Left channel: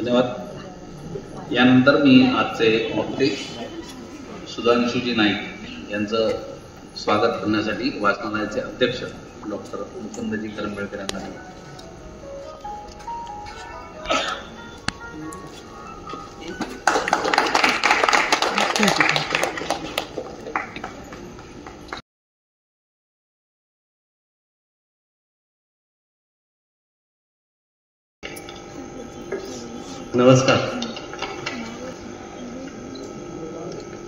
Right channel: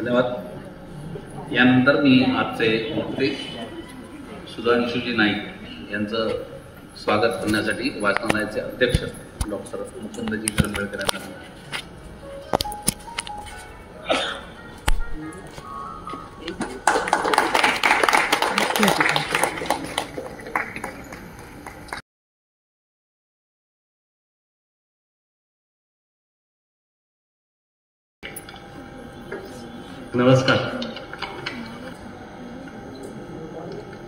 धन्यवाद। यानंतर मी आजचे वक्ते सुधांशुजी नाईक यांचं स्वागत करण्यासाठी वाचनालयाचे अध्यक्ष डॉक्टर मुकुंदजी करंबेळकर यांना नमस्कार।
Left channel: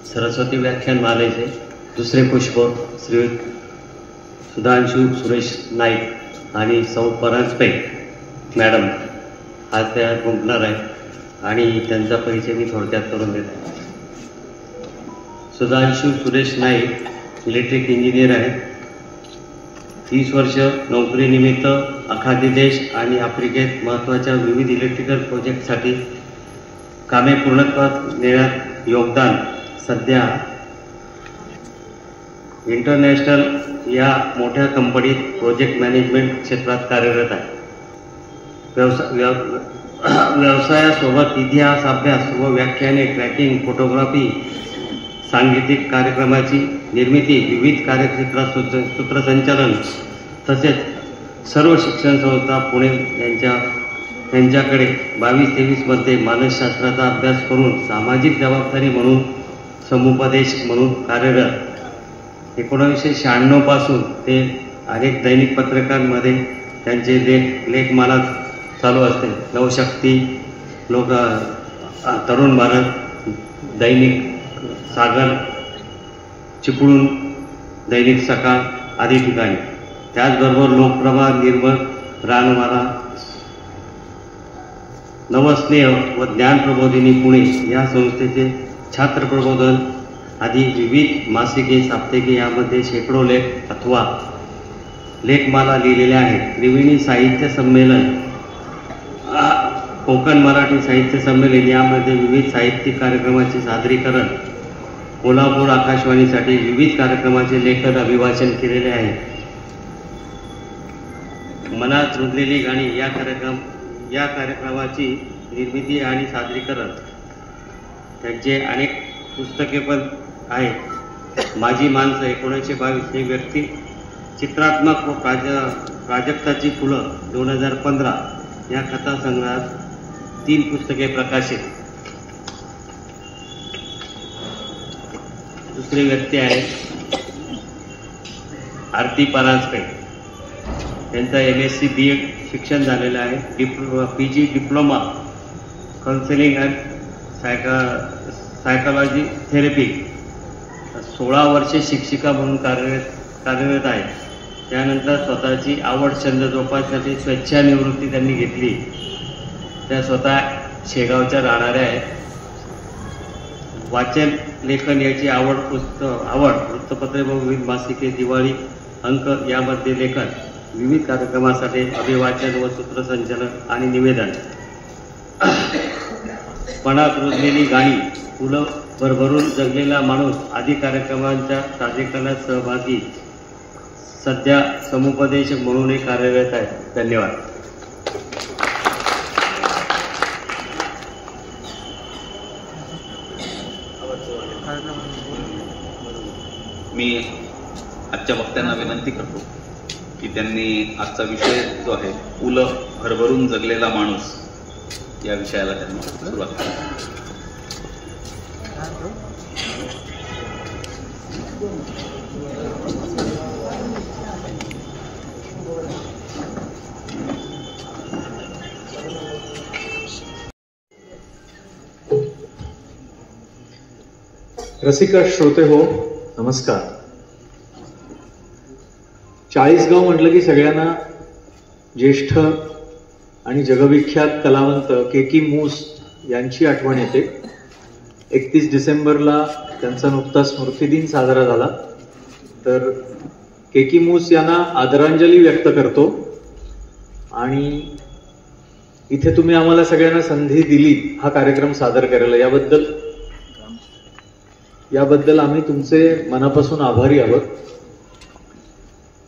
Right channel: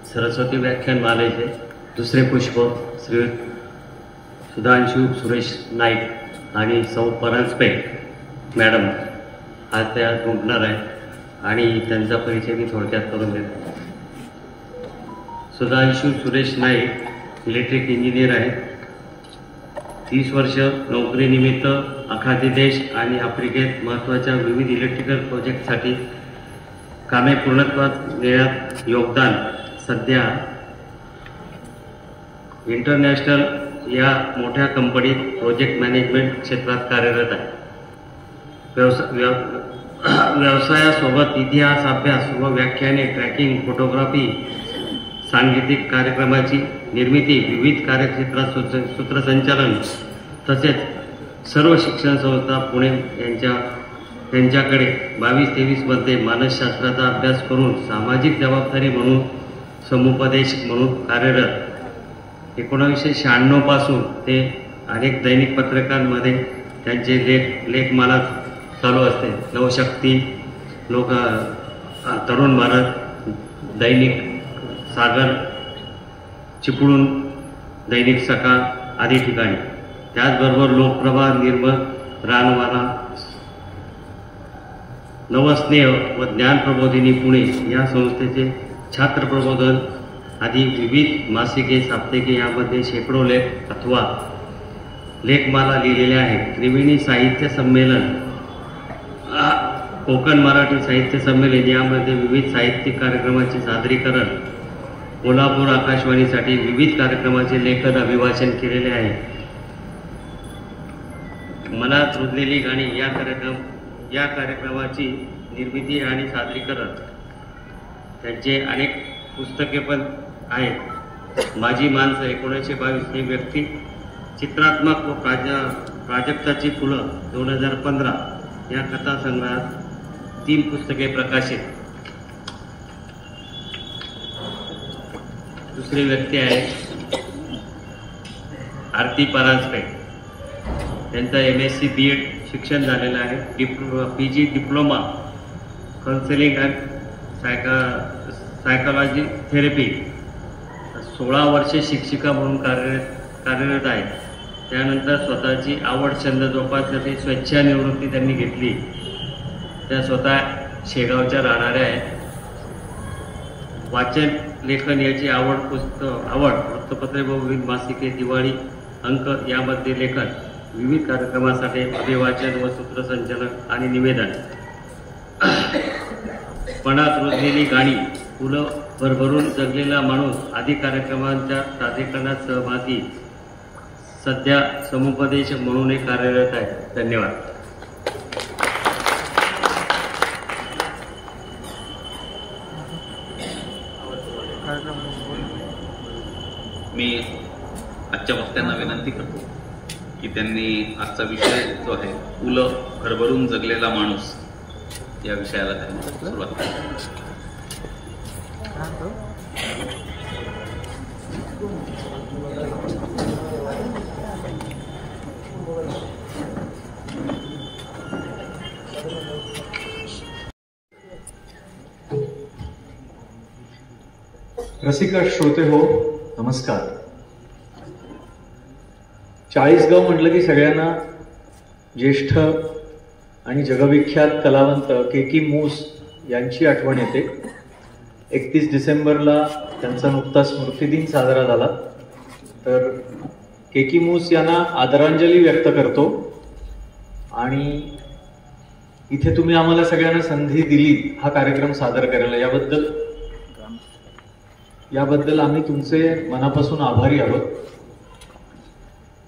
सरस्वती व्याख्यान मालेचे दुसरे पुष्प श्री सुधांशु सुरेश नाईक आणि सौ परांजपे मॅडम आज त्या गुंतणार आहे आणि त्यांचा परिचय मी थोडक्यात करून देतो। सुधांशु सुरेश नाईक इलेक्ट्रिक इंजिनियर आहे। 30 वर्ष नोकरीनिमित्त आखाती देश आणि आफ्रिकेत महत्त्वाच्या विविध इलेक्ट्रिकल प्रोजेक्टसाठी कामे पूर्णत्वास नेण्यात योगदान। सध्या इंटरनॅशनल या मोठ्या कंपनीत प्रोजेक्ट मॅनेजमेंट क्षेत्रात कार्यरत आहे। व्यवसायासोबत इतिहास अभ्यास व व्याख्याने, ट्रॅकिंग, फोटोग्राफी, सांगीतिक कार्यक्रमाची निर्मिती, विविध कार्यक्षेत्रात सूत्रसंचालन तसेच सर्व शिक्षण संस्था पुणे यांच्याकडे 22-23 मध्ये मानसशास्त्राचा अभ्यास करून सामाजिक जबाबदारी म्हणून समुपदेशक म्हणून कार्यरत। 1996 पासून ते अनेक दैनिक पत्रकांमध्ये त्यांचे लेखमाला चालू असते। नवशक्ती, तरुण भारत, दैनिक सागर, चिपळूण, दैनिक सकाळ आदी ठिकाणी। त्याचबरोबर लोकप्रभा, निर्मळ, रानवारा, नवस्नेह व ज्ञान प्रबोधिनी पुणे या संस्थेचे छात्र प्रबोधन आदी विविध मासिके, साप्ताहिके यामध्ये शेकडो लेख अथवा लेखमाला लिहिलेल्या आहेत। त्रिवेणी साहित्य संमेलन, कोकण मराठी साहित्य संमेलन यामध्ये विविध साहित्यिक कार्यक्रमाचे सादरीकरण, कोल्हापूर आकाशवाणीसाठी विविध कार्यक्रमाचे लेखन अभिभाषण केलेले आहे। मनात रुजलेली गाणी या कार्यक्रमाची निर्मिती आणि सादरीकरण, त्यांचे अनेक पुस्तके पण आहेत। माझी माणसं 1922 हे व्यक्ती चित्रात्मक व प्राजक्ताची फुलं 2015 या कथासंग्रहात 3 पुस्तके प्रकाशित। दुसरी व्यक्ती आहे आरती परांजपे, त्यांचा MSc BEd शिक्षण झालेलं आहे। PG diploma counselling and psychology therapy. 16 वर्षे शिक्षिका म्हणून कार्यरत आहे। त्यानंतर स्वतःची आवड छंद जोपासण्याची स्वेच्छानिवृत्ती त्यांनी घेतली। त्या स्वतः शेगावच्या राहणाऱ्या आहेत। वाचन लेखन याची आवड, वृत्तपत्रे व विविध मासिके, दिवाळी अंक यामध्ये लेखन, विविध कार्यक्रमासाठी अभिवाचन व सूत्रसंचालन आणि निवेदन। मनात रुजलेली गाणी, फुलं भरभरून जगलेला माणूस आदी कार्यक्रमांच्या सादरीकरणात सहभागी। सध्या समुपदेशक म्हणूनही कार्यरत आहे। धन्यवाद। मी आजच्या वक्त्यांना विनंती करतो की त्यांनी आजचा विषय जो आहे फुलं भरभरून जगलेला माणूस या विषयाला त्यांना सुरुवात करावी। रसिक श्रोते हो, नमस्कार। चाळीसगाव म्हटलं की सगळ्यांना ज्येष्ठ आणि जगविख्यात कलावंत के.की. मूस यांची आठवण येते। 31 डिसेंबरला त्यांचा नुकताच स्मृतिदिन साजरा झाला. तर केकी मूस यांना आदरांजली व्यक्त करतो. आणि इथे तुम्ही आम्हाला सगळ्यांना संधी दिली हा कार्यक्रम सादर करायला, याबद्दल आम्ही तुमचे मनापासून आभारी आहोत.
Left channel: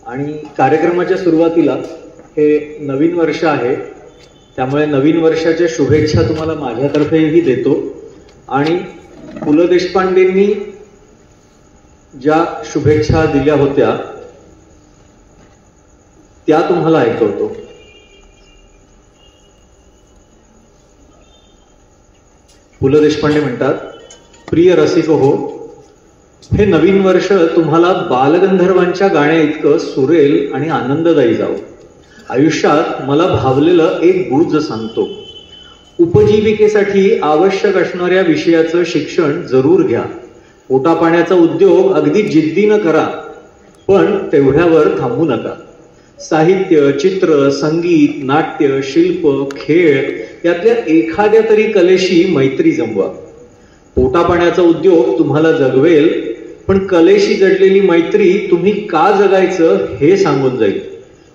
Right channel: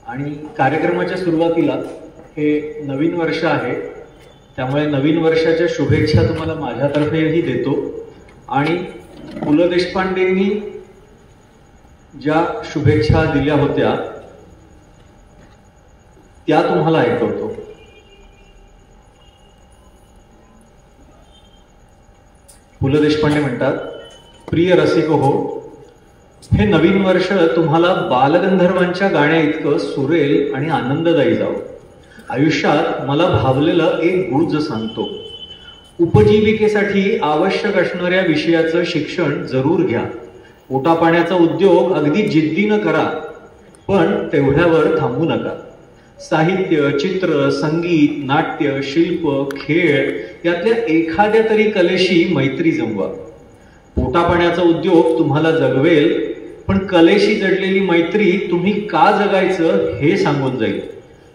आणि कार्यक्रमाच्या सुरुवातीला हे नवीन वर्ष आहे, त्यामुळे नवीन वर्षाच्या शुभेच्छा तुम्हाला माझ्यातर्फेही देतो. आणि पु ल देशपांडेंनी ज्या शुभेच्छा दिल्या होत्या त्या तुम्हाला ऐकवतो. पु ल देशपांडे म्हणतात, प्रिय रसिक हो, हे नवीन वर्ष तुम्हाला बालगंधर्वांच्या गाण्या इतकं सुरेल आणि आनंददायी जावं. आयुष्यात मला भावलेलं एक गुज सांगतो. उपजीविकेसाठी आवश्यक असणाऱ्या विषयाचं शिक्षण जरूर घ्या. पोटापाण्याचा उद्योग अगदी जिद्दीनं करा, पण तेवढ्यावर थांबू नका. साहित्य, चित्र, संगीत, नाट्य, शिल्प, खेळ यातल्या एखाद्या तरी कलेशी मैत्री जमवा. पोटापाण्याचा उद्योग तुम्हाला जगवेल, पण कलेशी जडलेली मैत्री तुम्ही का जगायचं हे सांगून जाईल.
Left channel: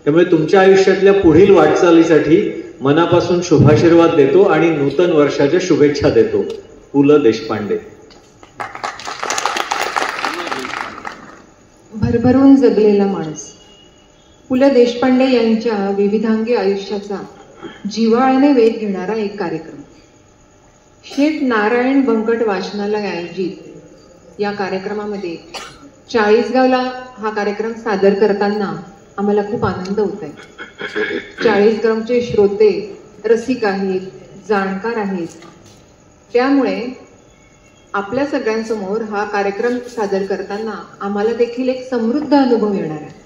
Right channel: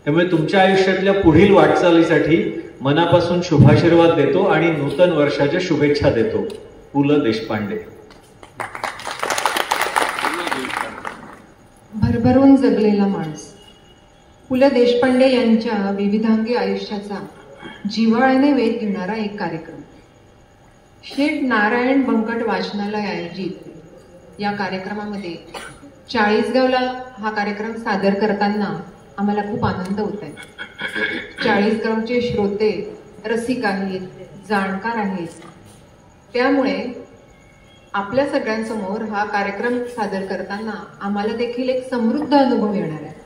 त्यामुळे तुमच्या आयुष्यातल्या पुढील वाटचालीसाठी मनापासून शुभाशीर्वाद देतो आणि नूतन वर्षाच्या शुभेच्छा देतो. पु ल देशपांडे. भरभरून जगलेला माणूस. पु ल देशपांडे यांच्या विविधांगी आयुष्याचा जिव्हाळ्याने वेध घेणारा एक कार्यक्रम. शेठ नारायण बंकट वाचनालय आयोजित या कार्यक्रमामध्ये चाळीसगावला हा कार्यक्रम सादर करताना आम्हाला खूप आनंद होत आहे. चाळीसगावचे श्रोते रसिक आहेत, जाणकार आहेत, त्यामुळे आपल्या सगळ्यांसमोर हा कार्यक्रम सादर करताना आम्हाला देखील एक समृद्ध अनुभव येणार आहे.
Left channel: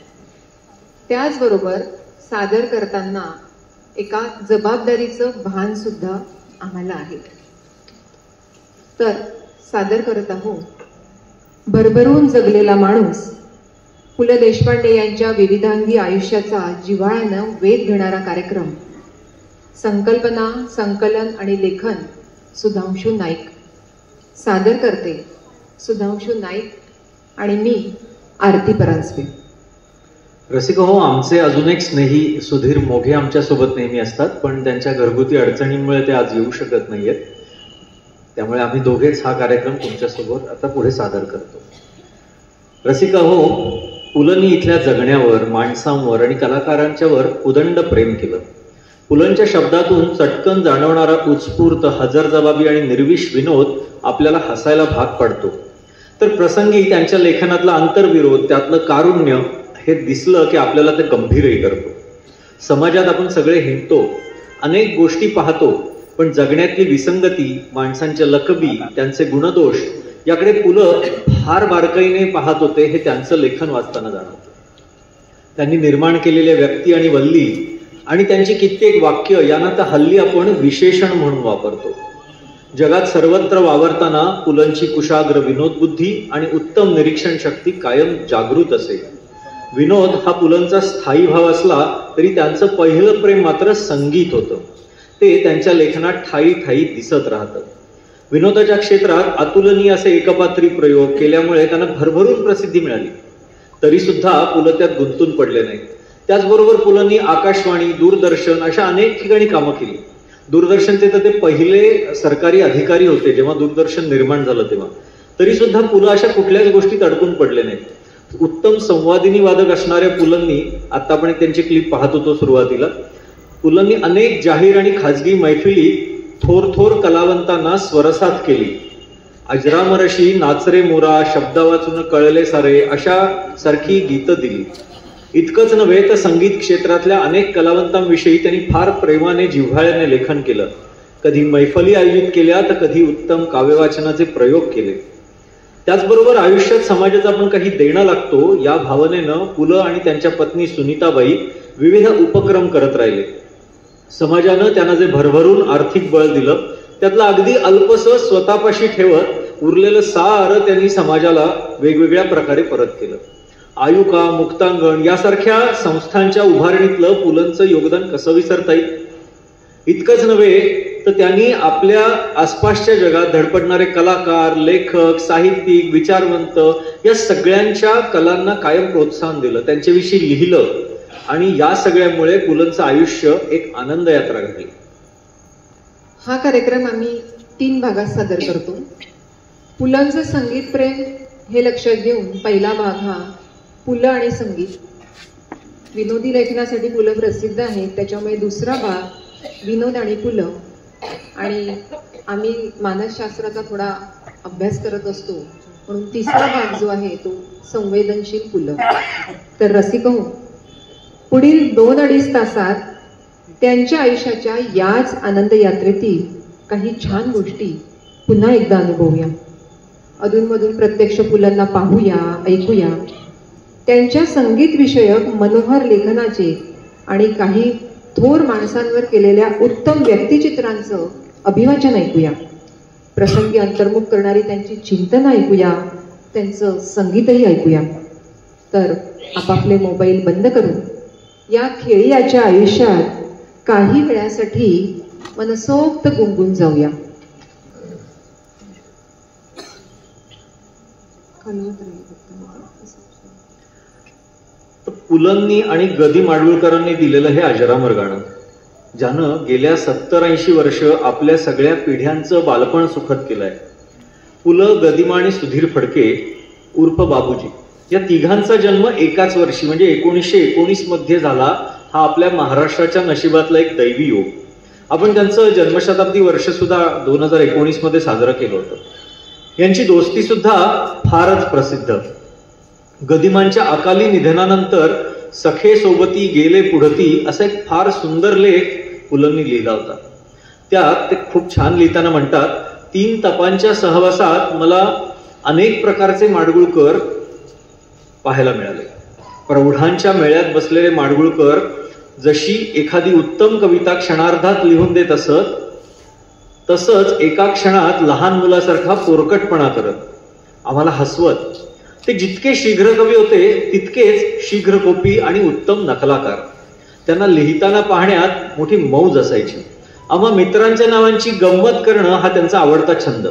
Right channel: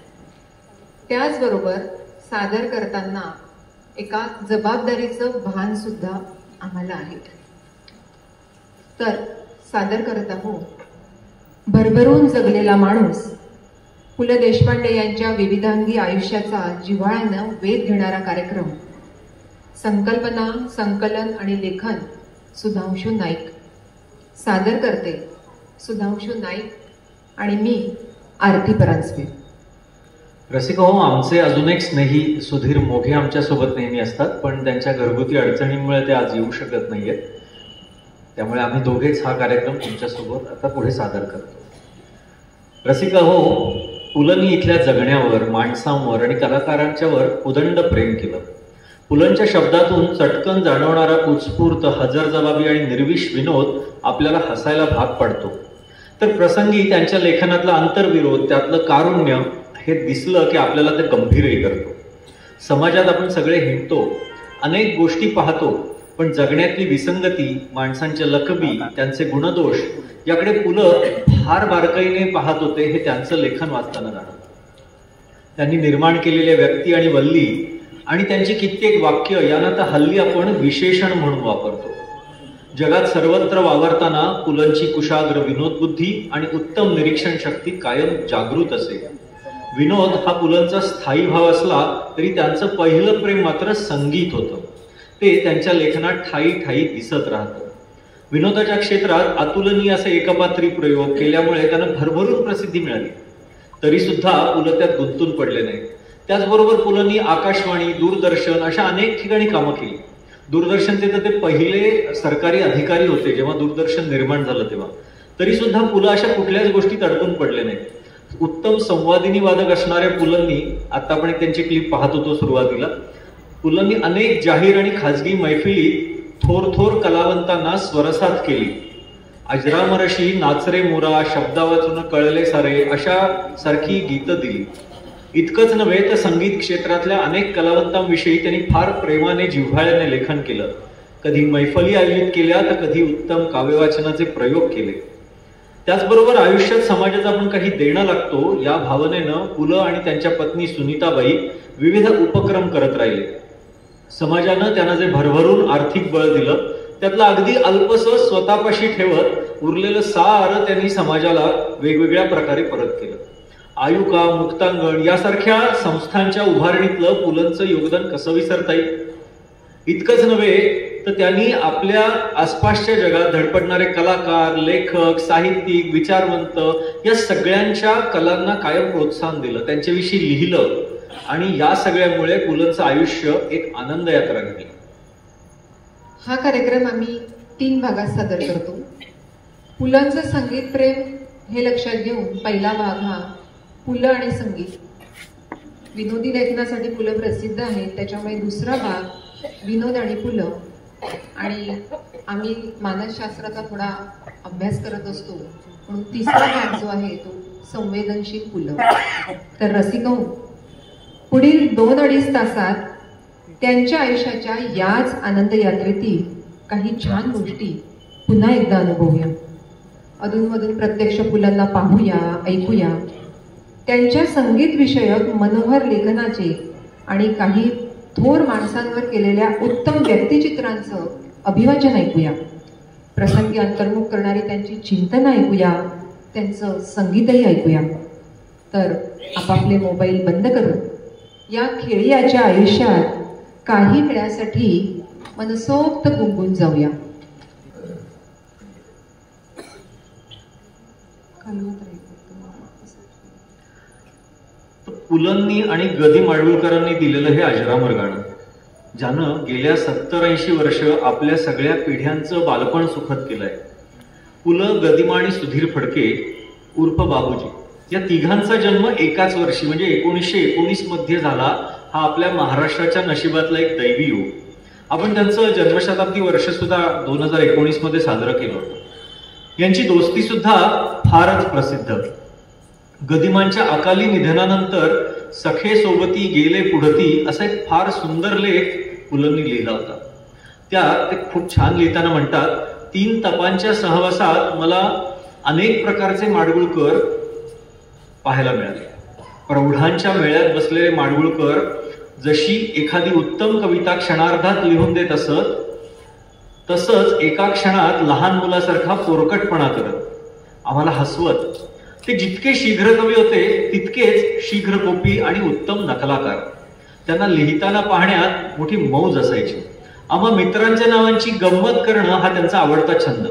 त्याचबरोबर सादर करताना एका जबाबदारीचं भान सुद्धा आम्हाला आहे. तर सादर करत आहोत भरभरून जगलेला माणूस, पु ल देशपांडे यांच्या विविधांगी आयुष्याचा जिव्हाळ्यानं वेध घेणारा कार्यक्रम. संकल्पना, संकलन आणि लेखन सुधांशू नाईक. सादर करते सुधांशू नाईक आणि मी आरती परांजपे. रसिक हो, आमचे अजून एक स्नेही सुधीर मोघे आमच्यासोबत नेहमी असतात, पण त्यांच्या घरगुती अडचणींमुळे ते आज येऊ शकत नाहीयेत. त्यामुळे आम्ही दोघेच हा कार्यक्रम तुमच्यासोबत आता पुढे सादर करतो. रसिक हो, पुलंनी इथल्या जगण्यावर, माणसांवर आणि कलाकारांच्यावर उदंड प्रेम केलं. पुलंच्या शब्दातून चटकन जाणवणारा उत्स्फूर्त, हजरजबाबी आणि निर्विष विनोद आपल्याला हसायला भाग पडतो. तर प्रसंगी त्यांच्या लेखनातला आंतरविरोध, त्यातलं कारुण्य हे दिसलं की आपल्याला ते गंभीरही करतो. समाजात आपण सगळे हिंडतो, अनेक गोष्टी पाहतो, पण जगण्यातली विसंगती, माणसांच्या लकबी, त्यांचे गुणदोष याकडे पुलं फार बारकाईने पाहत होते हे त्यांचं लेखन वाचताना जाणवतं. त्यांनी निर्माण केलेल्या व्यक्ती आणि वल्ली आणि त्यांची कित्येक वाक्य यांना तर हल्ली आपण विशेषण म्हणून वापरतो. जगात सर्वत्र वावरताना पुलंची कुशाग्र विनोदबुद्धी आणि उत्तम निरीक्षण शक्ती कायम जागृत असे. विनोद हा पुलंचा स्थायी भाव असला तरी त्यांचं पहिलं प्रेम मात्र संगीत होतं. ते त्यांच्या लेखनात ठायी ठायी दिसत राहतं. विनोदाच्या क्षेत्रात अतुलनीय असे एकपात्री प्रयोग केल्यामुळे त्यांना भरभरून प्रसिद्धी मिळाली. तरी सुद्धा पुलं त्यात गुंतून पडले नाही. त्याचबरोबर पुलंनी आकाशवाणी, दूरदर्शन अशा अनेक ठिकाणी कामं केली. दूरदर्शनचे तर ते पहिले सरकारी अधिकारी होते जेव्हा दूरदर्शन निर्माण झालं तेव्हा. तरी सुद्धा पुलं अशा कुठल्याच गोष्टीत अडकून पडले नाही. उत्तम संवादिनी वादक असणाऱ्या पुलंनी, आता आपण त्यांची क्लिप पाहत होतो सुरुवातीला, पुलंनी अनेक जाहीर आणि खाजगी मैफिली थोर थोर कलावंतांना स्वरसात केली. अजरामरशी, नाचरे मोरा, शब्दा वाचून कळले सारे अशा सारखी गीतं दिली. इतकंच नव्हे तर संगीत क्षेत्रातल्या अनेक कलावंतांविषयी त्यांनी फार प्रेमाने, जिव्हाळ्याने लेखन केलं. कधी मैफली आयोजित केल्या तर कधी उत्तम काव्यवाचनाचे प्रयोग केले. त्याचबरोबर आयुष्यात समाजात आपण काही देणं लागतो या भावनेनं पुलं आणि त्यांच्या पत्नी सुनीताबाई विविध उपक्रम करत राहिले. समाजानं त्यांना जे भरभरून आर्थिक बळ दिलं त्यातलं अगदी अल्पसं स्वतःपाशी ठेवत उरलेलं सारं त्यांनी समाजाला वेगवेगळ्या प्रकारे परत केलं. आयुका, मुक्तांगण यासारख्या संस्थांच्या उभारणीतलं पुलंचं योगदान कसं विसरता येईल. इतकंच नव्हे तर त्यांनी आपल्या आसपासच्या जगात धडपडणारे कलाकार, लेखक, साहित्यिक, विचारवंत या सगळ्यांच्या कलांना कायम प्रोत्साहन दिलं, त्यांच्याविषयी लिहिलं आणि या सगळ्यामुळे पुलंचं आयुष्य एक आनंद यात्रा घडली. हा कार्यक्रम आम्ही 3 भागात सादर करतो. पुलंचं संगीत प्रेम हे लक्षात घेऊन पहिला भाग हा पुलं आणि संगीत. विनोदी लेखनासाठी पुलं प्रसिद्ध आहेत, त्याच्यामुळे दुसरा भाग विनोद आणि पुलं. आणि आम्ही मानसशास्त्राचा थोडा अभ्यास करत असतो म्हणून तिसरा भाग जो आहे तो संवेदनशील पुलं. तर रसिको, पुढील 2-2.5 तासात त्यांच्या आयुष्याच्या याच आनंद यात्रेतील काही छान गोष्टी पुन्हा एकदा अनुभवूया. अधूनमधून प्रत्यक्ष पुलांना पाहूया, ऐकूया. त्यांच्या संगीत विषयक मनोहर लेखनाचे आणि काही थोर माणसांवर केलेल्या उत्तम व्यक्तिचित्रांचं अभिवाचन ऐकूया. प्रसंगी अंतर्मुख करणारी त्यांची चिंतन ऐकूया, त्यांचं संगीतही ऐकूया. तर आपापले मोबाईल बंद करून या खेळीयाच्या आयुष्यात काही वेळासाठी मनसोक्त गुंगून जाऊया. पुलंनी आणि गदी माडगुळकरांनी दिलेलं हे अजरामर गाणं, ज्यानं गेल्या 70-80 वर्ष आपल्या सगळ्या पिढ्यांचं बालपण सुखद केलंय. पुलं, गदिमा आणि सुधीर फडके उर्फ बाबूजी या तिघांचा जन्म एकाच वर्षी म्हणजे 1919 मध्ये झाला. हा आपल्या महाराष्ट्राच्या नशिबातला एक दैवी योग. आपण त्यांचं जन्मशताब्दी वर्ष सुद्धा 2019 मध्ये साजरं केलं होतं. यांची दोस्ती सुद्धा फारच प्रसिद्ध. गदिमांच्या अकाली निधनानंतर सखे सोबती गेले पुढती असा एक फार सुंदर लेख पुलंनी लिहिला होता. त्यात ते खूप छान लिहिताना म्हणतात, 3 तपांच्या सहवासात मला अनेक प्रकारचे माडगुळकर पाहायला मिळाले. प्रौढांच्या मेळ्यात बसलेले माडगुळकर जशी एखादी उत्तम कविता क्षणार्धात लिहून देत असत, तसंच एका क्षणात लहान मुलासारखा पोरकटपणा करत आम्हाला हसवत. ते जितके शीघ्र कवी होते तितकेच शीघ्रकोपी आणि उत्तम नकलाकार. त्यांना लिहिताना पाहण्यात मोठी मौज असायची. आम्हा मित्रांच्या नावांची गंमत करणं हा त्यांचा आवडता छंद.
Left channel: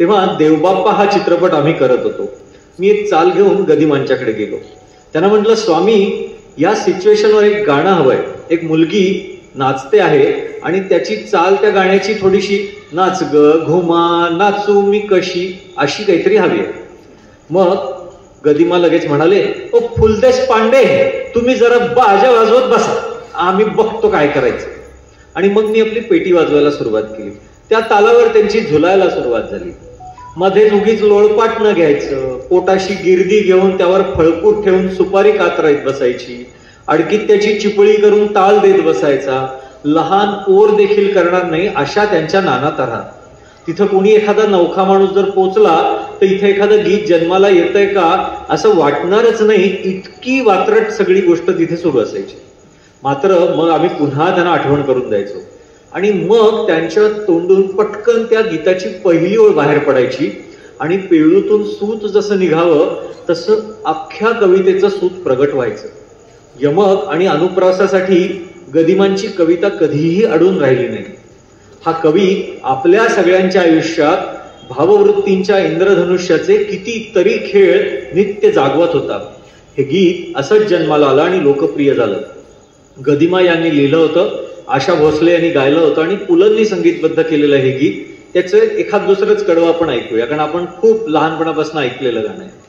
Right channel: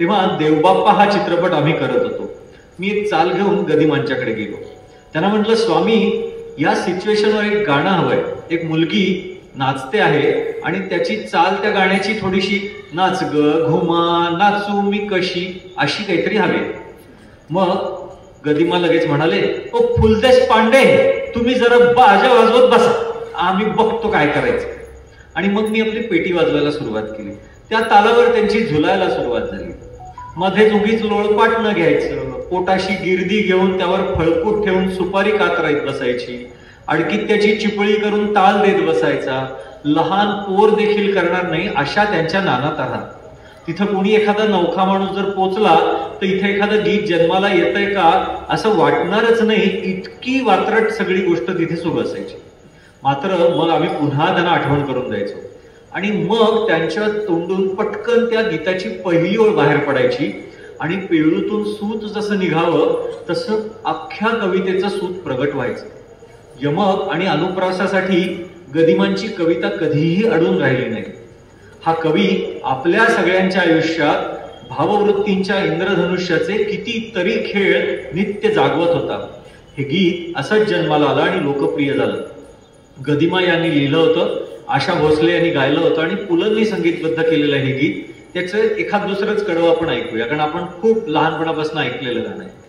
तेव्हा देवबाप्पा हा चित्रपट आम्ही करत होतो. मी एक चाल घेऊन गदिमांच्याकडे गेलो. त्यांना म्हटलं, स्वामी, या सिच्युएशनवर एक गाणं हवंय. एक मुलगी नाचते आहे आणि त्याची चाल त्या गाण्याची थोडीशी नाच ग घुमा नाचू मी कशी अशी काहीतरी हवी. मग गदिमा लगेच म्हणाले, ओ फुलदेश पांडे, तुम्ही जरा बाजा वाजवत बसा, आम्ही बघतो काय करायचं. आणि मग मी आपली पेटी वाजवायला सुरुवात केली. त्या तालावर त्यांची झुलायला सुरुवात झाली. मध्येच उगीच लोळपाट न घ्यायचं, पोटाशी गिरदी घेऊन त्यावर फळकूट ठेवून सुपारी कातराईत बसायची. अडकीत त्याची चिपळी करून ताल देत बसायचा. लहान पोर देखील करणार नाही अशा त्यांच्या नाना तऱ्हा. तिथं कोणी एखादा नवखा माणूस जर पोचला तर इथे एखादं गीत जन्माला येतंय का असं वाटणारच नाही, इतकी वात्रट सगळी गोष्ट तिथे सुरू असायची. मात्र मग आम्ही पुन्हा त्यांना आठवण करून द्यायचो आणि मग त्यांच्या तोंडून पटकन त्या गीताची पहिली ओळ बाहेर पडायची आणि पेळूतून सूत जसं निघावं तसं अख्ख्या कवितेचं सूत प्रगट व्हायचं. यमक आणि अनुप्रासासाठी गदिमांची कविता कधीही अडून राहिली नाही. हा कवी आपल्या सगळ्यांच्या आयुष्यात भाववृत्तींच्या इंद्रधनुष्याचे कितीतरी खेळ नित्य जागवत होता. हे गीत असंच जन्माला आलं आणि लोकप्रिय झालं. गदिमा यांनी लिहिलं होतं, आशा भोसले यांनी गायलं होतं आणि पुलंनी संगीतबद्ध केलेलं हे गीत. त्याचं एखाद दुसरंच कडवं आपण ऐकूया, कारण आपण खूप लहानपणापासून ऐकलेलं गाणं आहे.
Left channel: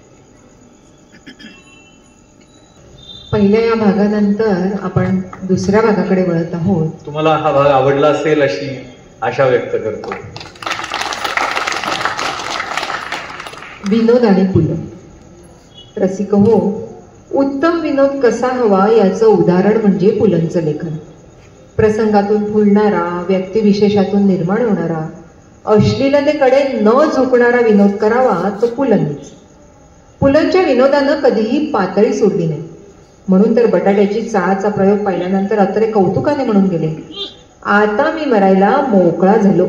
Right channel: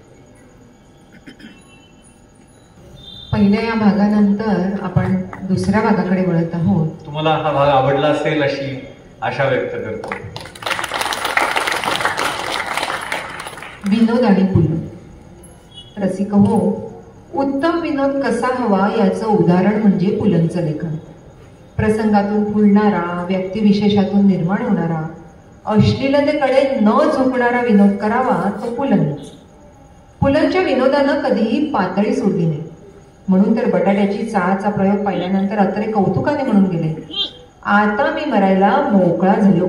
पहिल्या या भागानंतर आपण दुसऱ्या भागाकडे वळत आहोत. तुम्हाला हा भाग आवडला असेल अशी आशा व्यक्त करतो. विनोद आणि पुलं. रसिक हो, उत्तम विनोद कसा हवा याचं उदाहरण म्हणजे पुलंचं लेखन. प्रसंगातून फुलणारा, व्यक्तिविशेषातून निर्माण होणारा, अश्लीलतेकडे न झुकणारा विनोद करावा तो पुलंनीच. पुलंच्या विनोदानं कधीही पातळी सोडली नाही. म्हणून तर बटाट्याची चाळचा प्रयोग पाहिल्यानंतर अत्रे कौतुकाने म्हणून गेले, आता मी मरायला मोकळा झालो.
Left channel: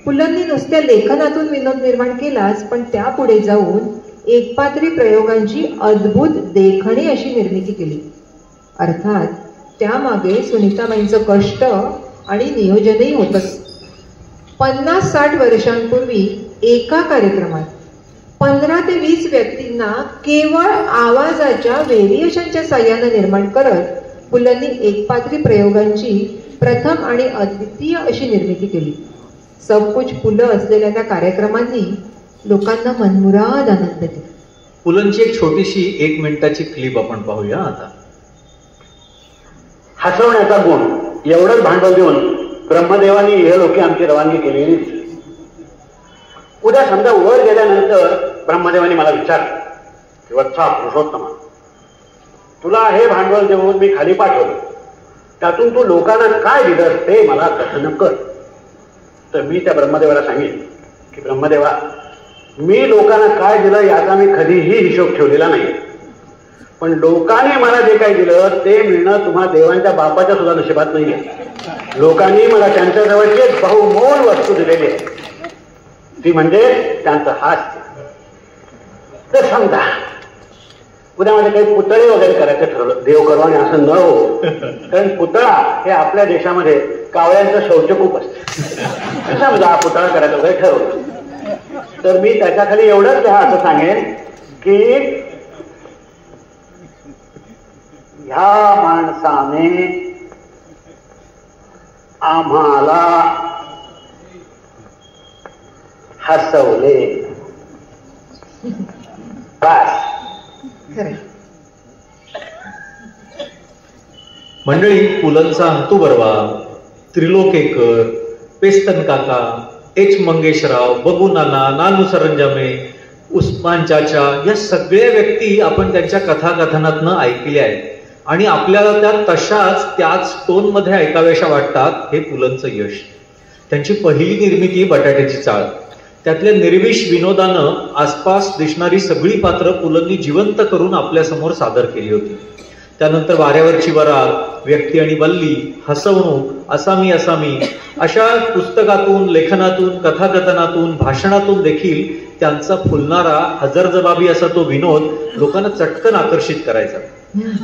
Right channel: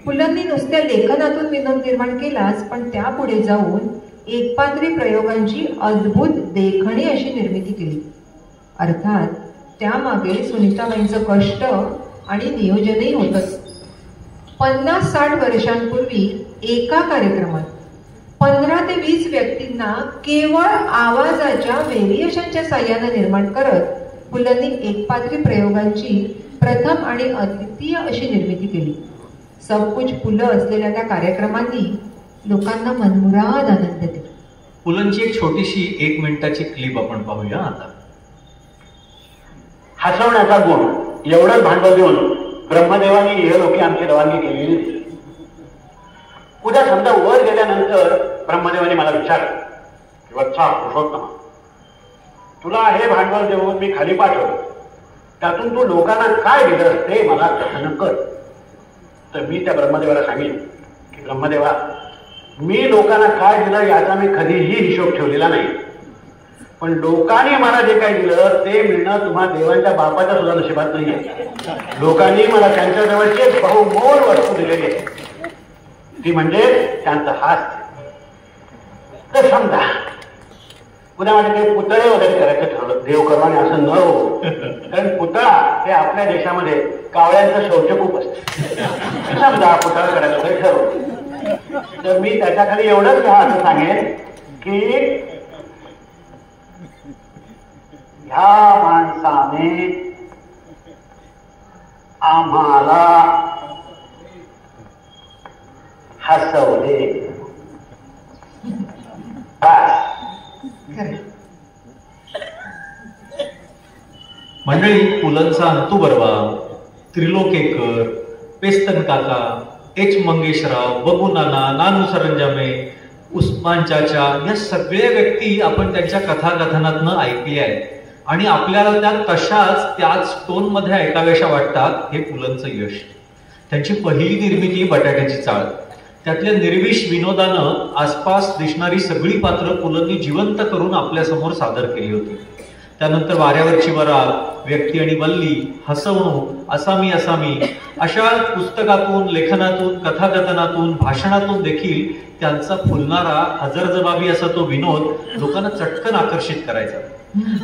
पुलंनी नुसत्या लेखनातून विनोद निर्माण केलाच, पण त्यापुढे जाऊन एकपात्री प्रयोगांची अद्भुत देखणी अशी निर्मिती केली. अर्थात त्यामागे सुनीताबाईंचं कष्ट आणि नियोजनही होतच. 50-60 वर्षांपूर्वी एका कार्यक्रमात 15 ते 20 व्यक्तींना केवळ आवाजाच्या व्हेरिएशनच्या साह्याने निर्माण करत पुलंनी एकपात्री प्रयोगांची प्रथम आणि अद्वितीय अशी निर्मिती केली. सबकुछ पुलं असलेल्या त्या कार्यक्रमांनी लोकांना मनमुराद आनंद दिला. पुलंची एक छोटीशी 1 मिनिटाची क्लिप आपण पाहूया आता. हसवण्याचा गुण एवढंच भांडवल देऊन ब्रह्मदेवाने हे लोके आमची रवानगी केलेली. उद्या समजा वर गेल्यानंतर ब्रह्मदेवाने मला विचारलं की वत्सा पुरुषोत्तम, तुला हे भांडवल देऊन मी खाली पाठवलं, त्यातून तू लोकांना काय दिलं ते मला कथन कर. तर मी त्या ब्रह्मदेवाला सांगेन की ब्रह्मदेवा, मी लोकांना काय दिलं याचा मी कधीही हिशोब ठेवलेला नाही, पण लोकांनी मला जे काही दिलं ते मिळणं तुम्हा देवांच्या बापाच्या सुद्धा नशिबात नाहीये. लोकांनी मला त्यांच्या जवळचे बहुमोल वस्तू दिलेली आहे, ती म्हणजे त्यांचं हास्य. तर समजा उद्या मला काही पुतळे वगैरे करायचं ठरवलं, देव करवाने असं न हो, कारण पुतळा हे आपल्या देशामध्ये कावळ्यांचं शौच खूप असतं. समजा पुतळा करायचं वगैरे ठरवलं, तर मी त्याच्याखाली एवढंच असं सांगेन की ह्या माणसाने आम्हाला हसवले. मंडळी, पुलंचा अंतू बर्वा, त्रिलोकेकर, पेस्तन काका, एच मंगेशराव, बबू नाना, नानू सरंजामे, उस्मान चाचा या सगळ्या व्यक्ती आपण त्यांच्या कथाकथनातनं ऐकल्या आहेत आणि आपल्याला त्या तशाच त्याच टोन मध्ये ऐकाव्याशा वाटतात. हे पुलंचं यश. त्यांची पहिली निर्मिती बटाट्याची चाळ, त्यातल्या निर्विष विनोदानं आसपास दिसणारी सगळी पात्र पुलंनी जिवंत करून आपल्या समोर सादर केली होती. त्यानंतर वाऱ्यावरची वरात, व्यक्ती आणि बल्ली, हसवणूक, असामी असामी अशा पुस्तकातून, लेखनातून, कथाकथनातून, भाषणातून देखील त्यांचा फुलणारा हजरजबाबी असा तो विनोद लोकांना चटकन आकर्षित करायचा.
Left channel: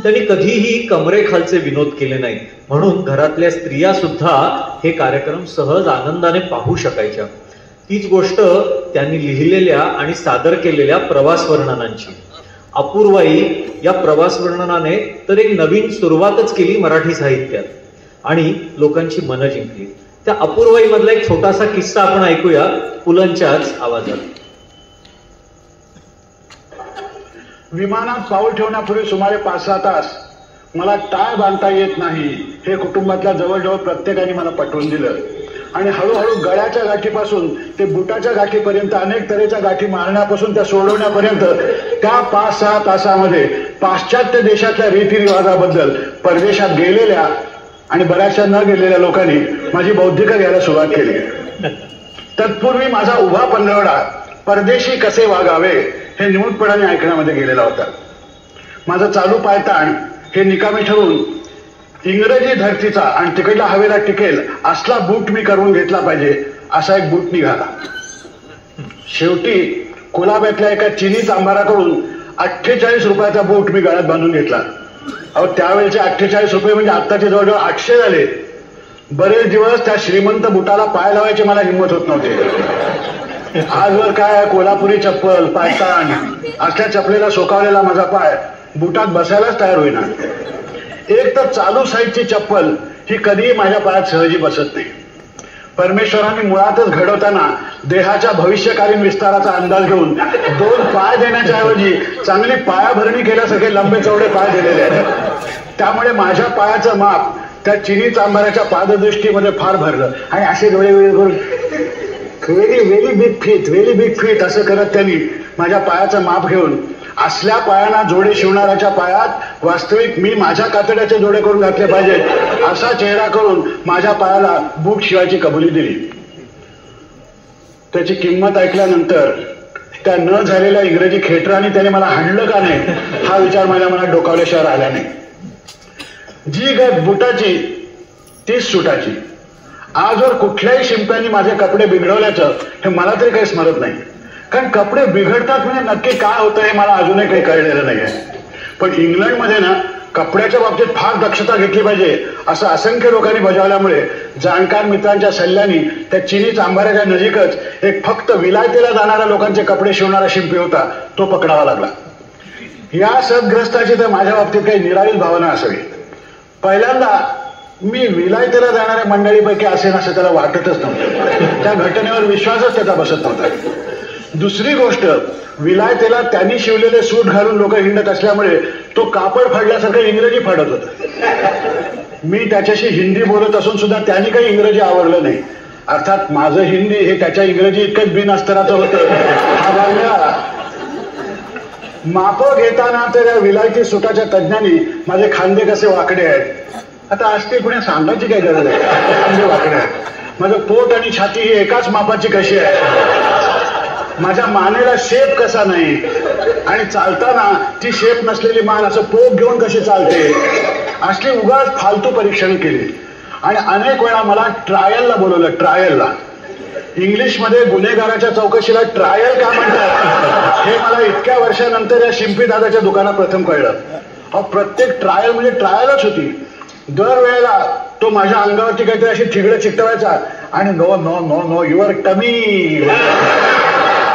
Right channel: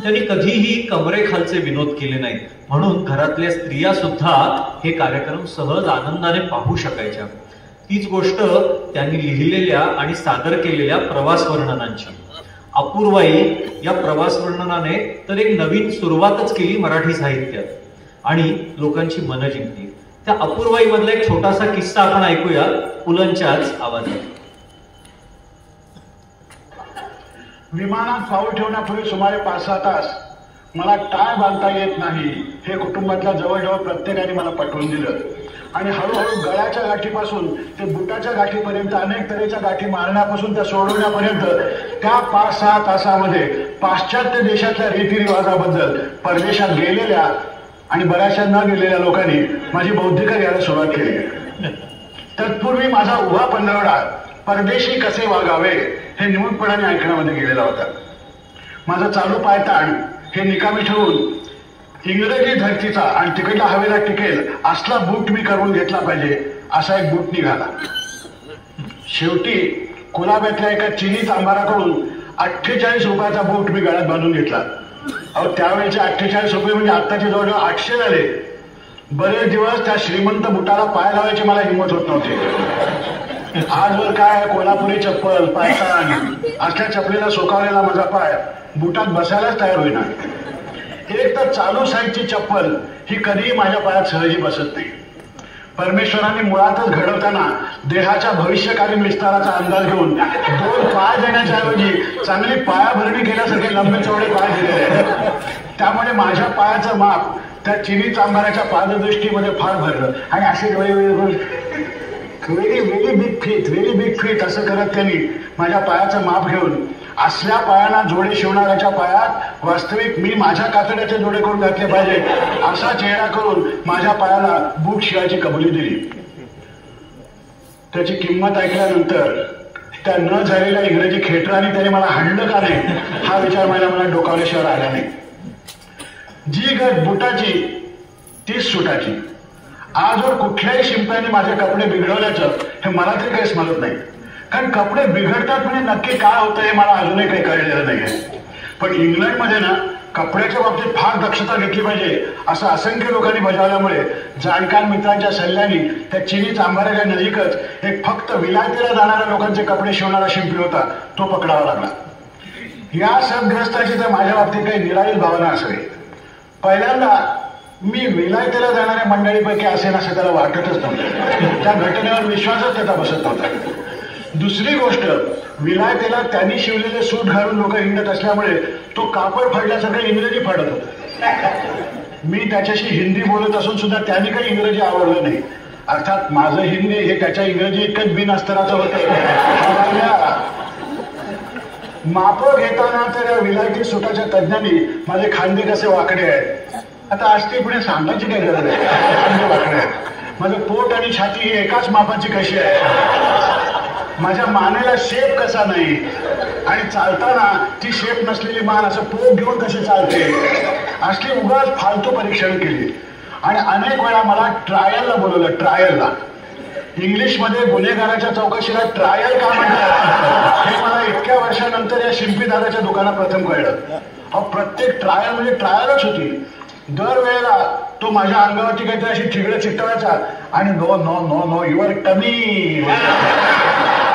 त्यांनी कधीही कमरेखालचे विनोद केले नाही, म्हणून घरातल्या स्त्रिया सुद्धा हे कार्यक्रम सहज आनंदाने पाहू शकायच्या. तीच गोष्ट त्यांनी लिहिलेल्या आणि सादर केलेल्या प्रवास वर्णनांची. अपूर्वाई या प्रवास वर्णनाने तर एक नवीन सुरुवातच केली मराठी साहित्यात आणि लोकांची मनं जिंकली. त्या अपूर्वाई मधला एक छोटासा किस्सा आपण ऐकूया पुलंच्याच आवाजात. विमानात पाऊल ठेवण्यापूर्वी सुमारे 5-6 तास मला टाय बांधता येत नाही हे कुटुंबातल्या जवळजवळ प्रत्येकाने मला पटवून दिलं आणि हळूहळू गळ्याच्या गाठीपासून ते बुटाच्या गाठीपर्यंत अनेक तऱ्हेच्या गाठी मारण्यापासून त्या सोडवण्यापर्यंत त्या 5-6 तासामध्ये पाश्चात्य देशातल्या रीतिरिवाजाबद्दल परदेशात गेलेल्या आणि बऱ्याचशा न गेलेल्या लोकांनी माझी बौद्धिकता घ्यायला सुरुवात केली. तत्पूर्वी माझा उभा पंधरवडा परदेशी कसे वागावे हे निमूटपणाने ऐकण्यामध्ये गेलेला होता. माझा चालू पायताण हे निकामी ठरवून इंग्रजी धरतीचा आणि तिकडल्या हवेला टिकेल असला बूट मी करून घेतला पाहिजे असा एक बूट निघाला. शेवटी कोलाब्यातल्या एका चिनी चांभाराकडून 48 रुपयाचा बूट मी गळ्यात बांधून घेतला. अहो, त्यावेळेचे 48 रुपये म्हणजे आत्ताचे जवळजवळ 800 झाले. बरेच दिवस त्या श्रीमंत बुटाला पाय लावायची मला हिंमत होत नव्हती. आजवर काय कोल्हापुरी चप्पल, पायतान असल्या चपलेला सोकावलेला माझा पाय बुटात बसायलाच तयार होईना. एक तर चालू साईजची चप्पल ही कधीही माझ्या पायात सहजी बसत नाही. परमेश्वराने मुळातच घडवताना देहाच्या भविष्यकालीन विस्ताराचा अंदाज घेऊन 2 पाय देण्याच्या ऐवजी चांगली पायाभरणी केल्यासारखे लंबे चौडे पाय दिलेले आहेत. त्यामुळे माझ्या पायाचं माप त्या चिनी चांभाराच्या पाददृष्टीमध्ये फार भरलं आणि असे व्हेरी बिग फीट असं करत त्यांनी माझ्या पायाचं माप घेऊन असल्या पायांना जोडे शिवणाऱ्याच्या पायात वास्तविक मी माझ्या कातड्याचे जोडे करून घातले पाहिजेत असा चेहरा करून माझ्या पायाला बूट शिवायची कबुली दिली. त्याची किंमत ऐकल्यानंतर त्या न झालेल्या इंग्रजी खेटराने त्याने मला हाणलं का नाही हा विचार माझ्या मनात डोकावल्याशिवाय राहिला नाही. जी गत बुटाची तीच सुटाची. आजवर कुठल्याही शिंप्याने माझे कपडे बिघडवल्याचं हे मला तरी काही स्मरत नाही, कारण कपडे बिघडतात म्हणजे नक्की काय होतं हे मला अजूनही काही कळलेलं नाही आहे. पण इंग्लंडमध्ये ना कपड्याच्या बाबतीत फार दक्षता घेतली पाहिजे असं असंख्य लोकांनी बजावल्यामुळे जाणकार मित्रांच्या सल्ल्याने त्या चिनी चांभाराच्या नजीकच एक फक्त विलायतेला जाणाऱ्या लोकांचे कपडे शिवणारा शिंपी होता, तो पकडावा लागला. या सद्ग्रस्ताची तर माझ्या बाबतीत काही निराळीच भावना असावी. पहिल्यांदा मी विलायतेला जाणाऱ्या मंडळीपैकी असेल असं त्याला वाटतच नव्हतं. त्या घटनेवर विश्वासच त्याचा बसत नव्हता. दुसरी गोष्ट, विलायतेला त्यांनी शिवलेले सूट घालून लोक हिंडत असल्यामुळे तो कापड फाडल्यासारखं इंग्रजी फाडत होता. मी त्याच्याशी हिंदी बोलत असून सुद्धा त्यांनी काही इंग्रजी आवडलं नाही. अर्थात माझं हिंदी हे त्याच्या इंग्रजी इतकंच बिनअस्तराचं होतं. माप घेताना तर या विलायती सुटाच्या तज्ञांनी माझे खांदे कसे वाकडे आहेत. आता आज ते पुढे सांगायची काय गरज आहे. वाकडे आहेत. माझं पोट आणि छाती ही एकाच मापाची कशी आहे. माझ्या मानेला शेप कसा नाही आणि चालताना ती शेप नसलेली मान असं पोट घेऊन कशी चालते. असली उगाच फालतू परीक्षण केली आणि अनेक वेळा मला ट्रायलला बोलवलं. ट्रायलला इंग्लिशमध्ये गुन्हेगाराच्या चौकशीला ट्रायल का म्हणतात हे मला इतक्या वर्षानंतर या शिंपी दादाच्या दुकानात प्रथम कळलं. प्रत्येक ट्रायल म्हणजे ट्रायलच होती. दरवेळेला तो माझ्या अंगावरती काहीतरी अशी ठिगडं चिकटवायचा आणि no no no no your tummy,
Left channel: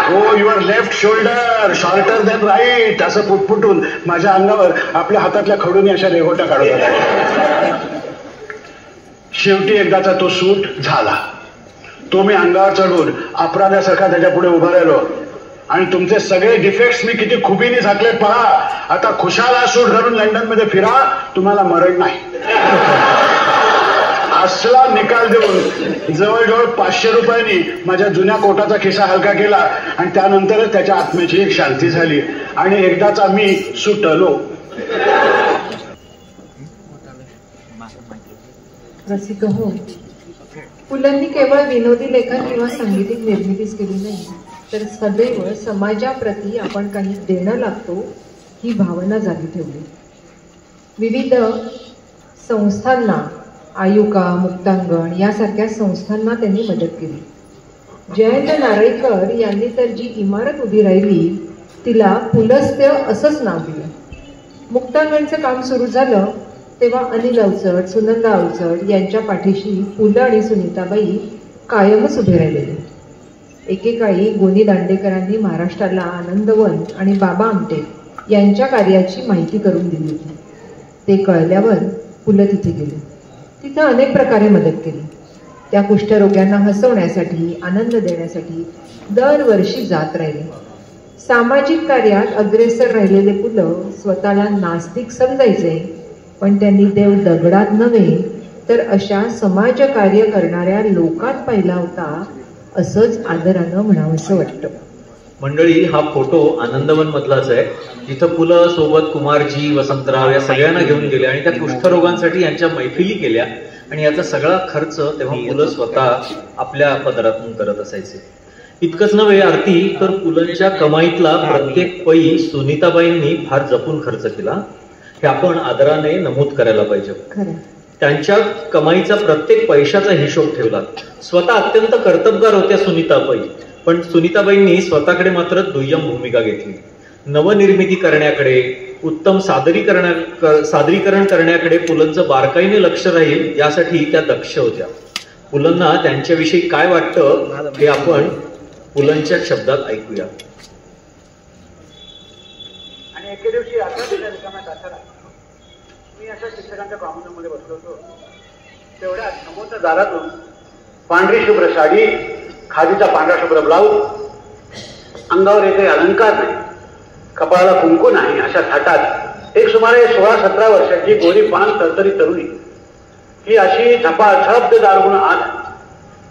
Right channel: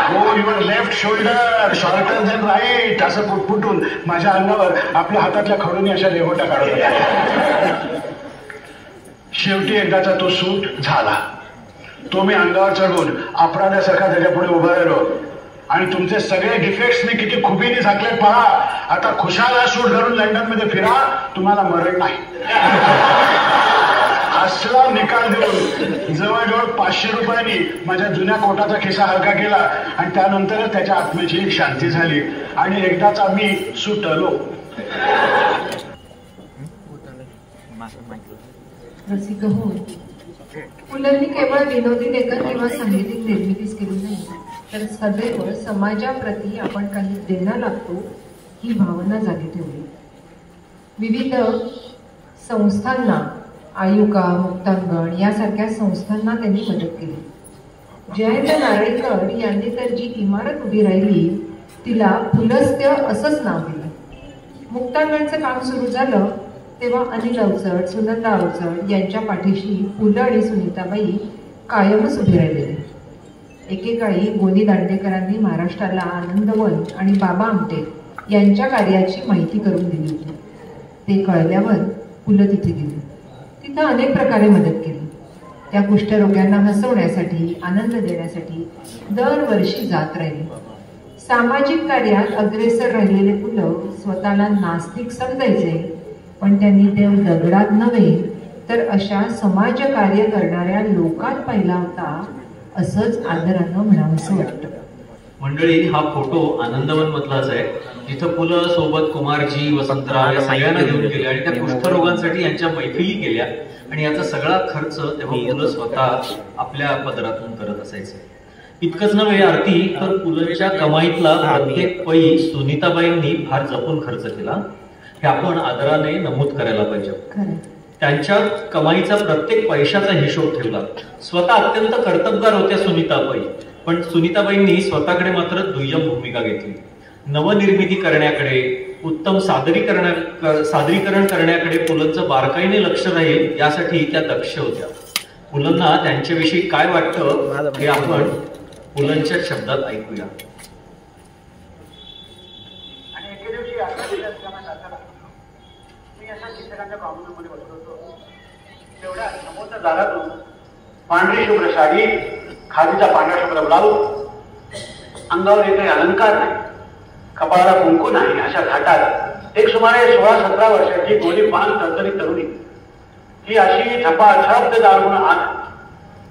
हो your left shoulder shorter than right असं पुटपुटून माझ्या अंगावर आपल्या हातातल्या खडूनी अशा रेघोट्या काढत होत्या. शेवटी एकदाचा तो सूट झाला. तो मी अंगावर चढून अपराध्यासारखा त्याच्या पुढे उभा राहिलो आणि तुमचे सगळे डिफेक्ट्स मी किती खुबीने झाकले पहा. आता खुशाला सूट घालून लंडन मध्ये फिरा, तुम्हाला मरण नाही. असला निकाल देऊन जवळजवळ 500 रुपयांनी माझ्या जुन्या कोटाचा खिसा हलका केला आणि त्यानंतरच त्याच्या आत्म्याची एक शांती झाली आणि एकदाचा मी सुटलो. रसिक हो, पुलंनी केवळ विनोदी लेखन किंवा सांगीतिक निर्मितीच केली नाही, तर सदैव समाजाप्रती आपण काही देणं लागतो ही भावना जागी ठेवली. विविध संस्थांना, आयुका, मुक्तांगण यासारख्या संस्थांना त्यांनी मदत केली. जयंत नारळीकर यांनी तर जी इमारत उभी राहिली तिला पुलस्त्य असंच नाव दिलं. मुक्तांगणचं काम सुरू झालं तेव्हा अनिल अवचट, सुनंदा अवचट यांच्या पाठीशी पु ल आणि सुनीताबाई कायमच उभे राहिलेले. एकेकाळी गोनी दांडेकरांनी महाराष्ट्राला आनंदवन आणि बाबा आमटे यांच्या कार्याची माहिती करून दिली होती. ते कळल्यावर पु ल तिथे गेले. तिथं अनेक प्रकारे मदत केली. त्या कुष्ठरोग्यांना हसवण्यासाठी, आनंद देण्यासाठी दरवर्षी जात राहिले. सामाजिक कार्यात अग्रेसर राहिलेले पु ल स्वतःला नास्तिक समजायचे, पण त्यांनी देव दगडात नव्हे तर अशा समाजकार्य करणाऱ्या लोकात पाहिला होता असंच आदरानं म्हणावंसं वाटतं. मंडळी, हा फोटो आनंदवन मधलाच आहे, जिथं पु ल सोबत कुमारजी, वसंतराव या सगळ्यांना घेऊन गेले आणि त्या कुष्ठरोगांसाठी यांच्या मैफिली केल्या आणि याचा सगळा खर्च तेव्हा पु ल स्वतः आपल्या पदरातून करत असायचे. इतकंच नव्हे आरती, तर पु लंच्या कमाईतला प्रत्येक पै सुनीताबाईंनी फार जपून खर्च केला. हे आपण आदराने नमूद करायला पाहिजे. त्यांच्या कमाईचा प्रत्येक पैशाचा हिशोब ठेवला. स्वतः अत्यंत कर्तबगार होत्या सुनीताबाई, पण सुनीताबाईंनी स्वतःकडे मात्र दुय्यम भूमिका घेतली. नवनिर्मिती करण्याकडे, उत्तम सादरीकरण करण्याकडे पुलंचं बारकाईने लक्ष राहील यासाठी त्या दक्ष होत्या. पुलंना त्यांच्याविषयी काय वाटतं हे आपण पुलंच्या शब्दात ऐकूया. आणि एके दिवशी मी अशा शिक्षकांच्या ब्राह्मणामध्ये बसलो होतो. तेवढ्या समोरच्या दारातून पांढरी शुभ्र साडी, खादीचा पांढरा शुभ्र ब्लाऊज, अंगावर एकही अलंकार नाही, कपाळाला कुंकू नाही, अशा थाटात एक सुमारे 16-17 वर्षाची गोरी पान तरतरी तरुणी ही अशी झपाझप दारून आत.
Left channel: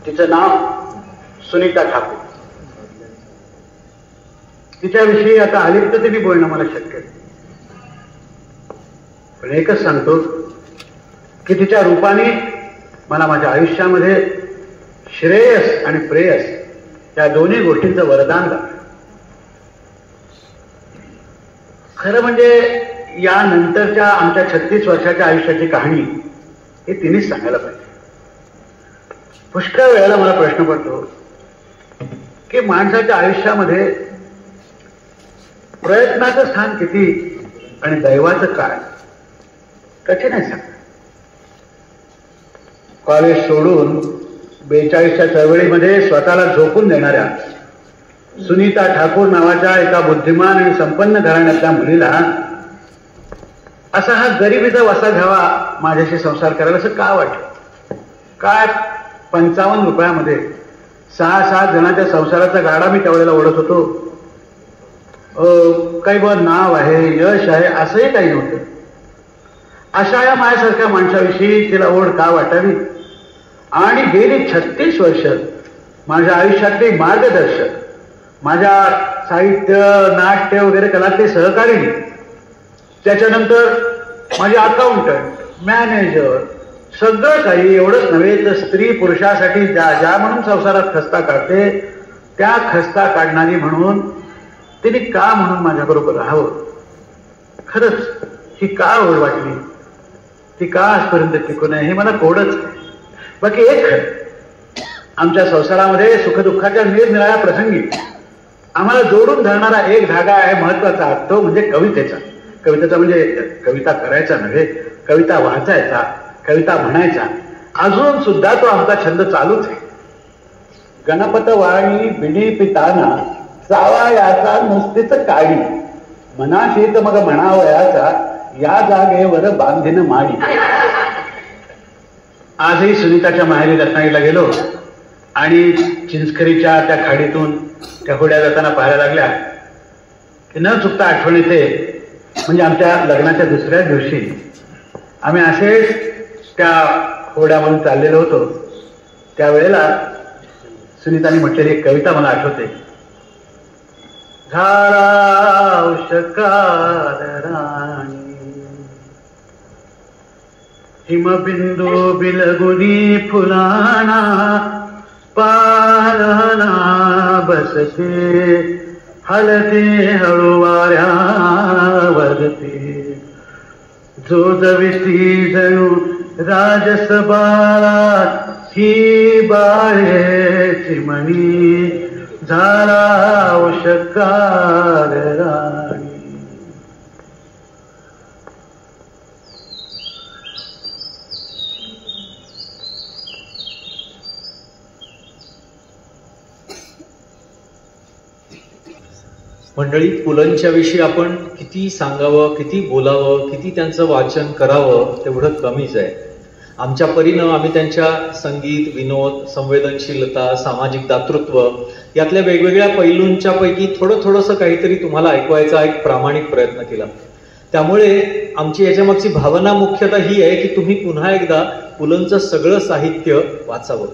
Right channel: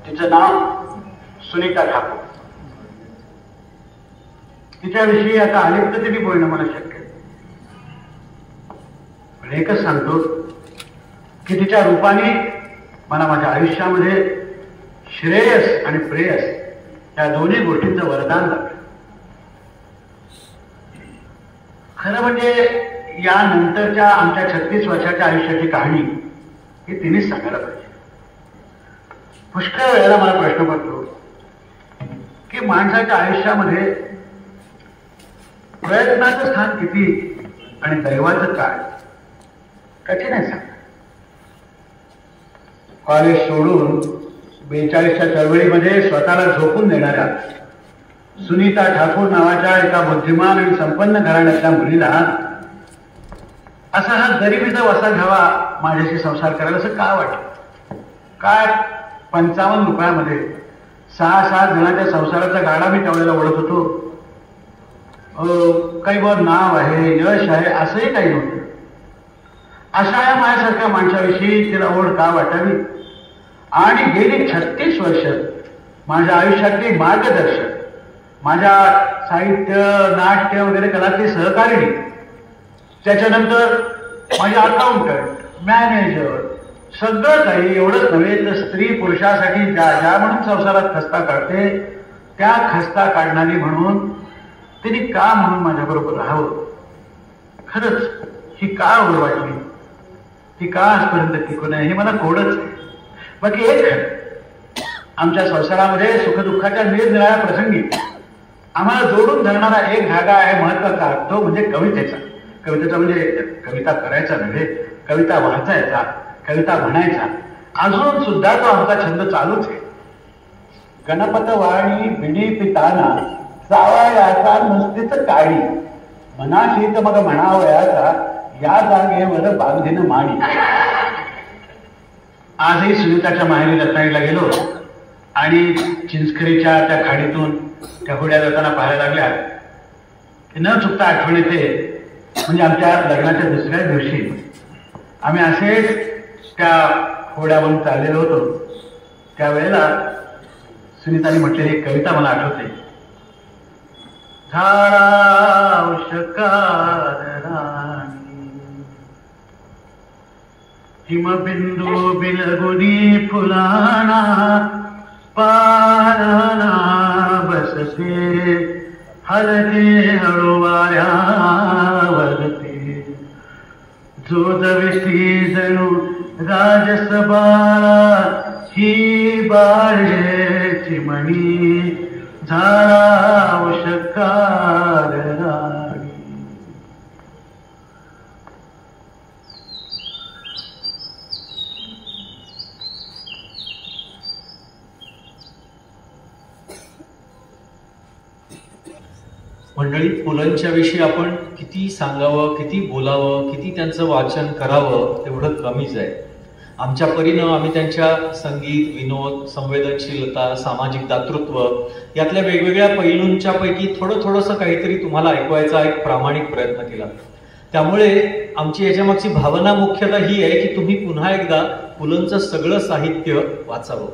तिचं नाव सुनीता ठाकूर. तिच्याविषयी आता अलिप्ततेने बोलणं मला शक्य आहे, पण एकच सांगतो की तिच्या रूपाने मला माझ्या आयुष्यामध्ये श्रेयस आणि प्रेयस या दोन्ही गोष्टींचं वरदान झालं. खरं म्हणजे या नंतरच्या आमच्या 36 वर्षाच्या आयुष्याची कहाणी हे तिनेच सांगायला पाहिजे. पुष्कळ वेळेला मला प्रश्न पडतो की माणसाच्या आयुष्यामध्ये प्रयत्नाचं स्थान किती आणि दैवाचं काय. कठीण आहे सांग. कॉलेज सोडून 42च्या चळवळीमध्ये स्वतःला झोकून देणाऱ्या सुनीता ठाकूर नावाच्या एका बुद्धिमान आणि संपन्न घराण्यातल्या मुलीला असा हा गरिबीचा वसा घ्यावा, माझ्याशी संसार करायला असं का वाटलं? काय 55 रुपयामध्ये 6-7 जणांच्या संसाराचा गाडा मी त्यावेळेला ओढत होतो. काही वर नाव आहे, यश आहे, असंही काही नव्हतं. अशा या माझ्यासारख्या माणसाविषयी तिला ओढ का वाटावी? आणि गेली 36 वर्ष माझ्या आयुष्यातले मार्गदर्शक, माझ्या साहित्य, नाट्य वगैरे करणारे सहकारी, त्याच्यानंतर माझे अकाउंटंट, मॅनेजर, सगळं काही एवढंच नव्हे तर स्त्री पुरुषासाठी ज्या म्हणून संसारात खस्ता काढते त्या खस्ता काढणारी म्हणून तिने का म्हणून माझ्याबरोबर राहावं? खरंच ही का ओढ वाटली? ती का आजपर्यंत टिकून आहे हे मला कोडच आहे. बाकी एक खरं, आमच्या संसारामध्ये सुखदुःखाच्या निरनिराळ्या प्रसंगी आम्हाला जोडून धरणारा एक धागा आहे महत्वाचा, तो म्हणजे कवितेचा. कवितेचा म्हणजे कविता करायचा नव्हे, कविता वाचायचा, कविता म्हणायचा. अजून सुद्धा तो आमचा छंद चालूच आहे. गणपत वाणी बिडी पिताना जावयाचा नसतेच काळी, मनाशी तर मग म्हणावयाचा या जागेवर बांधीन माडी. आजही सुनीताच्या माहेरी रत्नागिरीला गेलो आणि चिंचखरीच्या त्या खाडीतून त्या होड्या जाताना पाहायला लागल्या. न चुकता आठवण येते. म्हणजे आमच्या लग्नाच्या दुसऱ्या दिवशी आम्ही असेच त्या होड्यावरून चाललेलो होतो. त्यावेळेला सुनीताने म्हटलेली एक कविता मला आठवते. झाला उषकार राणी, हिमबिंदू बिलगुनी फुलाना, पाराना बसते हलते हळूवाऱ्या वरती, जोजविती जणू राजसभा ही बाळे चिमणी, झाला उषकार राणी. मंडळी, पुलंच्या विषयी आपण किती सांगावं, किती बोलावं, किती त्यांचं वाचन करावं तेवढं कमीच आहे. आमच्या परीनं आम्ही त्यांच्या संगीत, विनोद, संवेदनशीलता, सामाजिक दातृत्व यातल्या वेगवेगळ्या पैलूंच्या पैकी थोडंसं काहीतरी तुम्हाला ऐकवायचा एक प्रामाणिक प्रयत्न केला. त्यामुळे आमची याच्यामागची भावना मुख्यतः ही आहे की तुम्ही पुन्हा एकदा पुलंचं सगळं साहित्य वाचावं.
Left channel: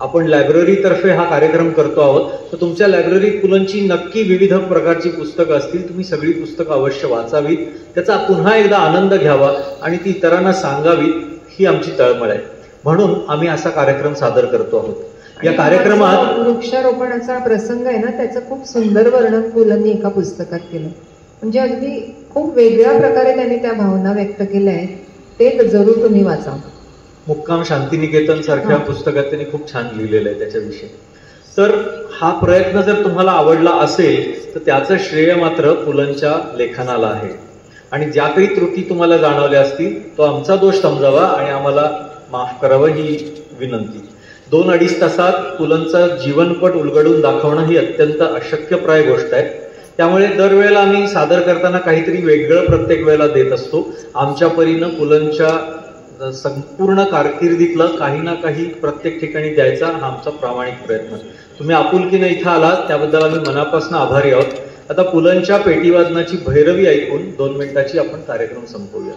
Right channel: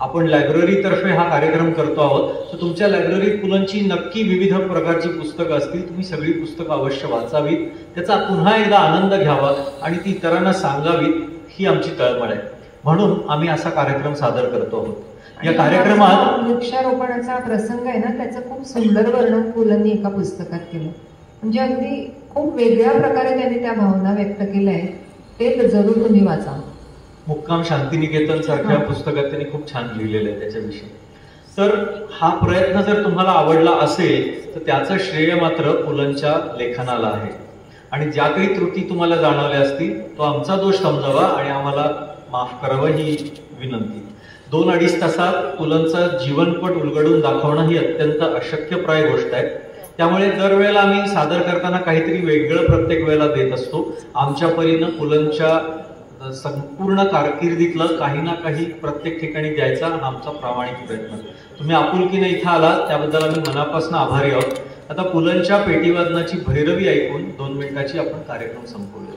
आपण लायब्ररीतर्फे हा कार्यक्रम करतो आहोत, तर तुमच्या लायब्ररीत पुलंची नक्की विविध प्रकारची पुस्तकं असतील. तुम्ही सगळी पुस्तकं अवश्य वाचावीत, त्याचा पुन्हा एकदा आनंद घ्यावा आणि ती इतरांना सांगावीत, ही आमची तळमळ आहे. म्हणून आम्ही असा कार्यक्रम सादर करतो आहोत. या कार्यक्रमात वृक्षारोपणाचा प्रसंग आहे ना, त्याचं खूप सुंदर वर्णन पुलंनी एका पुस्तकात केलं. म्हणजे अगदी खूप वेगळ्या प्रकारे त्यांनी त्या भावना व्यक्त केल्या आहेत. ते जरूर तुम्ही वाचा. मुक्काम शांतिनिकेतन सारख्या पुस्तकात त्यांनी खूप छान लिहिलेलं आहे त्याच्याविषयी. तर हा प्रयत्न जर तुम्हाला आवडला असेल तर त्याचं श्रेय मात्र पुलंच्या लेखनाला आहे. आणि ज्या काही त्रुटी तुम्हाला जाणवल्या असतील तो आमचा दोष समजावा आणि आम्हाला माफ करावं ही विनंती. 2-2.5 तासात पुलंचा जीवनपट उलगडून दाखवणं ही अत्यंत अशक्यप्राय गोष्ट आहे. त्यामुळे दरवेळेला आम्ही सादर करताना काहीतरी वेगळं प्रत्येक वेळेला देत असतो. आमच्या परीनं पुलंच्या संपूर्ण कारकिर्दीतलं काही ना काही प्रत्येक ठिकाणी द्यायचा हा आमचा प्रामाणिक प्रयत्न. तुम्ही आपुलकीनं इथं आलात त्याबद्दल आम्ही मनापासून आभारी आहोत. आता पुलंच्या पेटीवादनाची भैरवी ऐकून 2 मिनिटाची आपण कार्यक्रम संपवूया.